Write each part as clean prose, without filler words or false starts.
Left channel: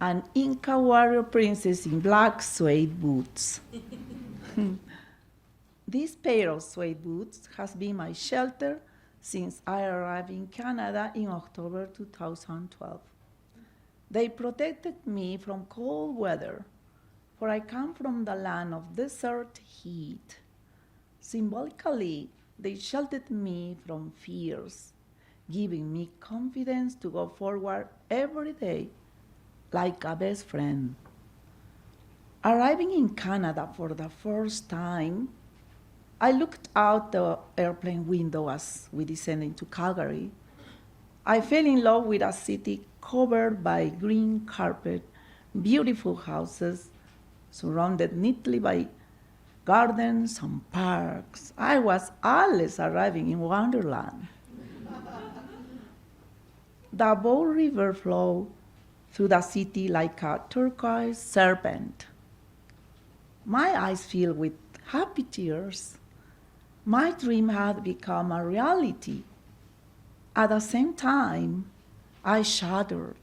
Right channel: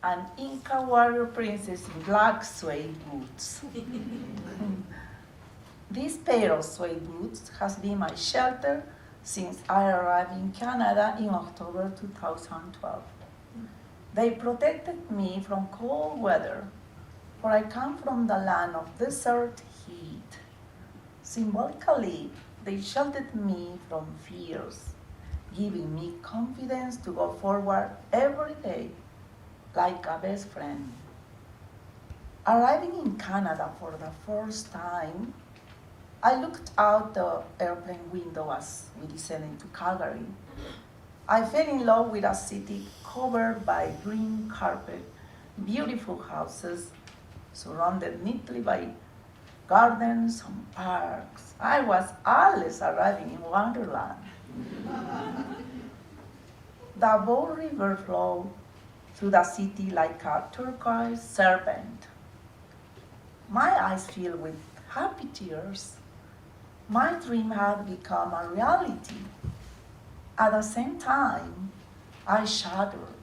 an Inca warrior princess in black suede boots. This pair of suede boots has been my shelter since I arrived in Canada in October 2012. They protected me from cold weather, for I come from the land of desert heat. Symbolically, they sheltered me from fears, giving me confidence to go forward every day like a best friend. Arriving in Canada for the first time, I looked out the airplane window as we descended to Calgary. I fell in love with a city covered by green carpet, beautiful houses, surrounded neatly by gardens and parks. I was always arriving in Wonderland. The Bow River flowed through the city like a turquoise serpent. My eyes filled with happy tears. My dream had become a reality. At the same time, I shuddered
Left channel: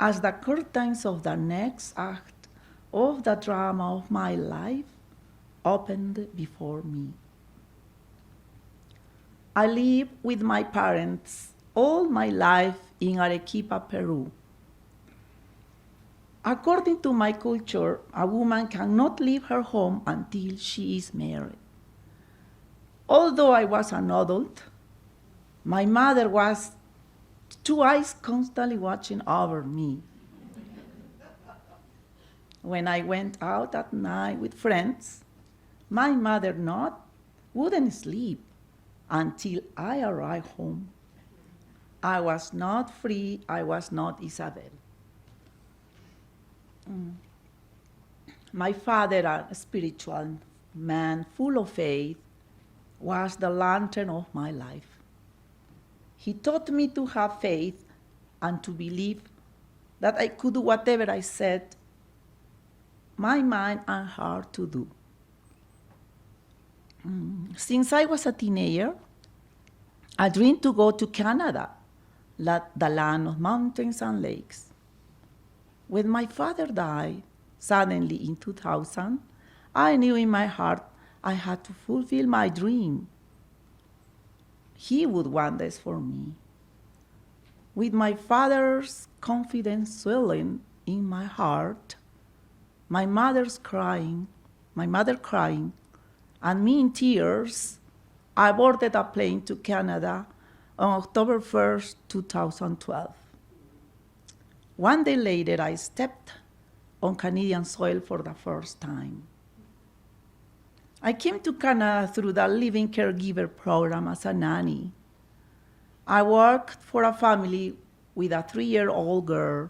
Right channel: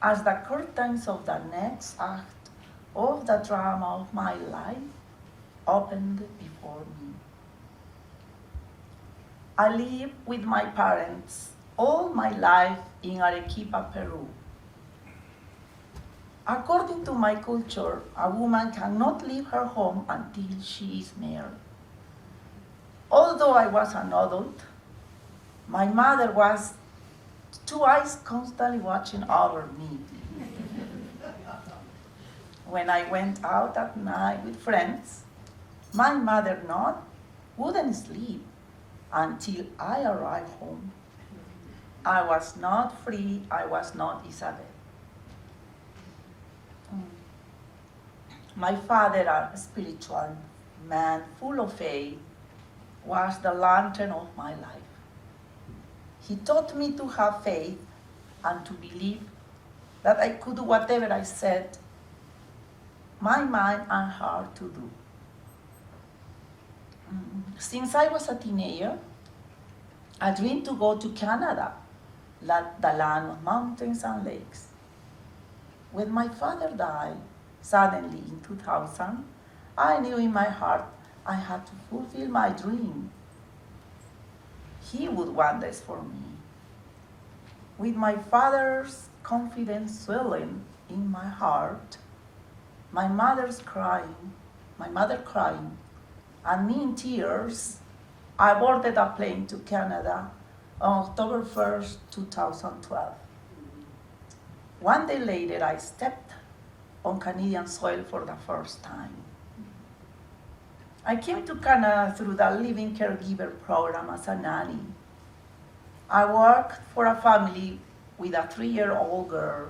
as the curtains of the next act of the drama of my life opened before me. I lived with my parents all my life in Arequipa, Peru. According to my culture, a woman cannot leave her home until she is married. Although I was an adult, my mother was two eyes constantly watching over me. When I went out at night with friends, my mother wouldn't sleep until I arrived home. I was not free, I was not Ysabel. My father, a spiritual man full of faith, was the lantern of my life. He taught me to have faith and to believe that I could do whatever I set my mind and heart to do. Since I was a teenager, I dreamed to go to Canada, the land of mountains and lakes. When my father died suddenly in 2000, I knew in my heart I had to fulfill my dream. He would want this for me. With my father's confidence swelling in my heart, my mother crying, and me in tears, I boarded a plane to Canada on October 1st, 2012. One day later, I stepped on Canadian soil for the first time. I came to Canada through the Living Caregiver program as a nanny. I worked for a family with a 3-year-old girl.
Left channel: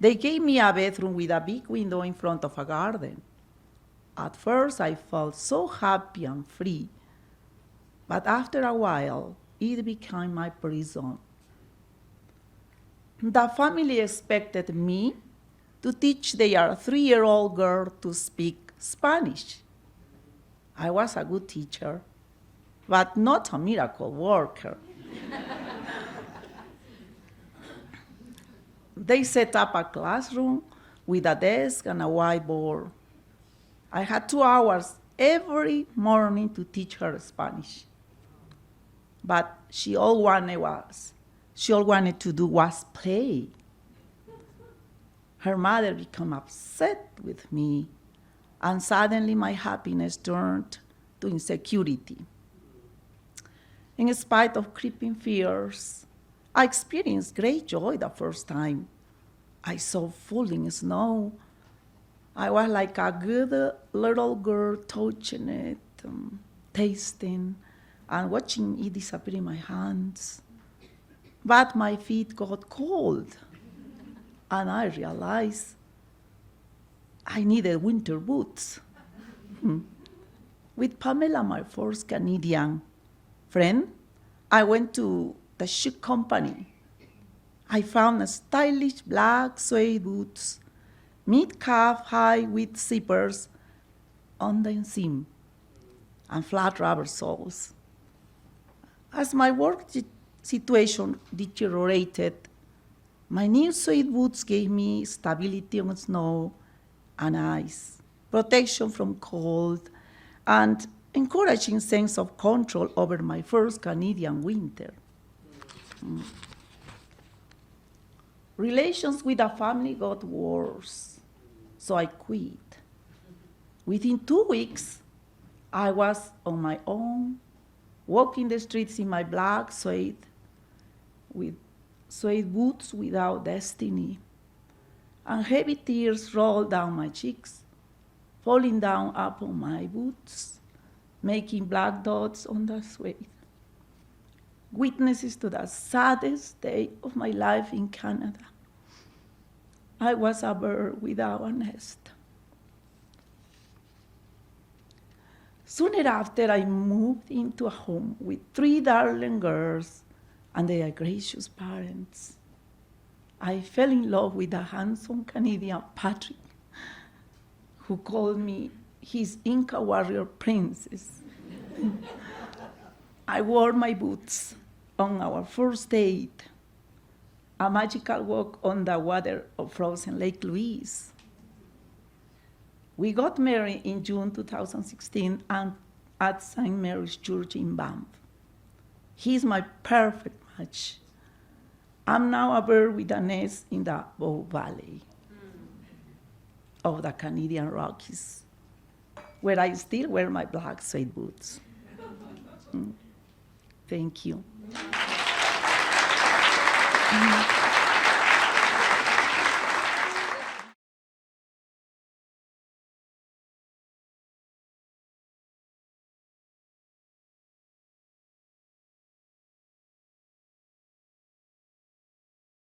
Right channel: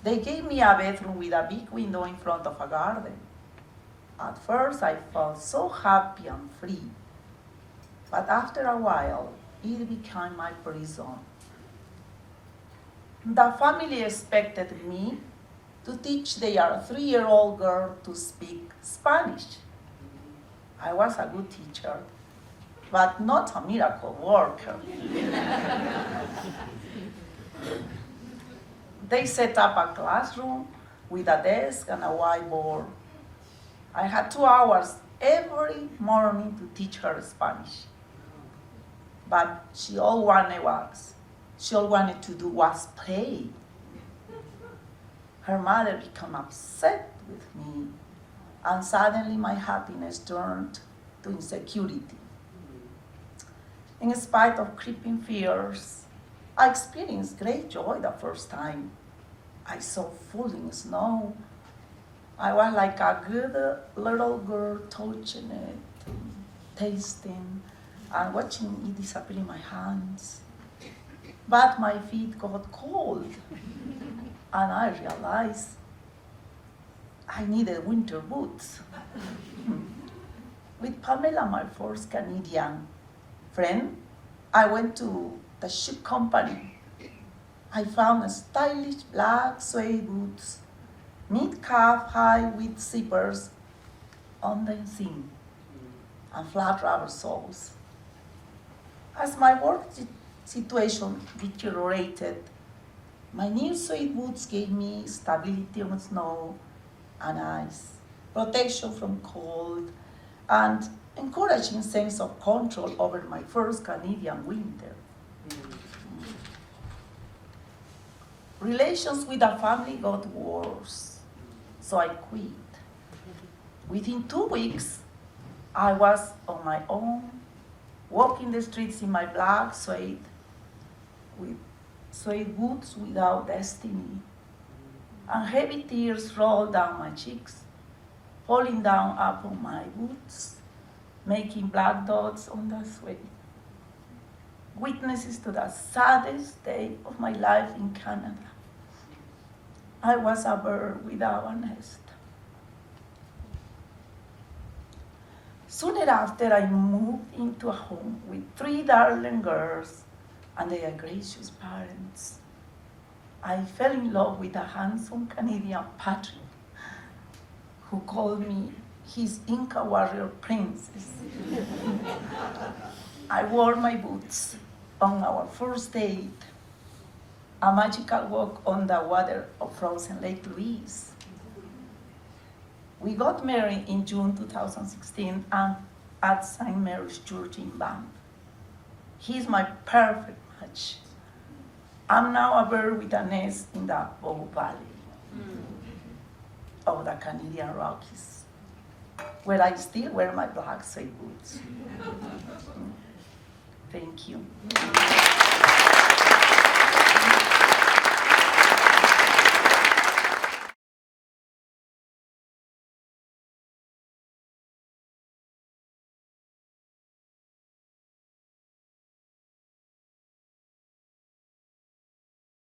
They gave me a bedroom with a big window in front of a garden. At first, I felt so happy and free, but after a while, it became my prison. The family expected me to teach their 3-year-old girl to speak Spanish. I was a good teacher, but not a miracle worker. They set up a classroom with a desk and a whiteboard. I had 2 hours every morning to teach her Spanish. But she all wanted to do was play. Her mother became upset with me, and suddenly my happiness turned to insecurity. In spite of creeping fears, I experienced great joy the first time. I saw falling snow. I was like a good little girl touching it, tasting, and watching it disappear in my hands. But my feet got cold, and I realized I needed winter boots. With Pamela, my first Canadian friend, I went to the shoe company. I found stylish black suede boots, mid-calf high with zippers on the seam, and flat rubber soles. As my work situation deteriorated, My new suede boots gave me stability on snow and ice, protection from cold, and encouraging sense of control over my first Canadian winter. Relations with the family got worse, so I quit. Within 2 weeks, I was on my own, walking the streets in my black suede, with suede boots without destiny, and heavy tears rolled down my cheeks, falling down upon my boots, making black dots on the suede. Witnesses to the saddest day of my life in Canada. I was a bird without a nest. Soon after, I moved into a home with 3 darling girls and their gracious parents. I fell in love with a handsome Canadian Patrick who called me his Inca warrior princess. I wore my boots on our first date, a magical walk on the water of frozen Lake Louise. We got married in June 2016 at St. Mary's Church in Banff. He's my perfect match. I'm now a bird with a nest in the Bow Valley of the Canadian Rockies, where I still wear my black suede boots. Thank you.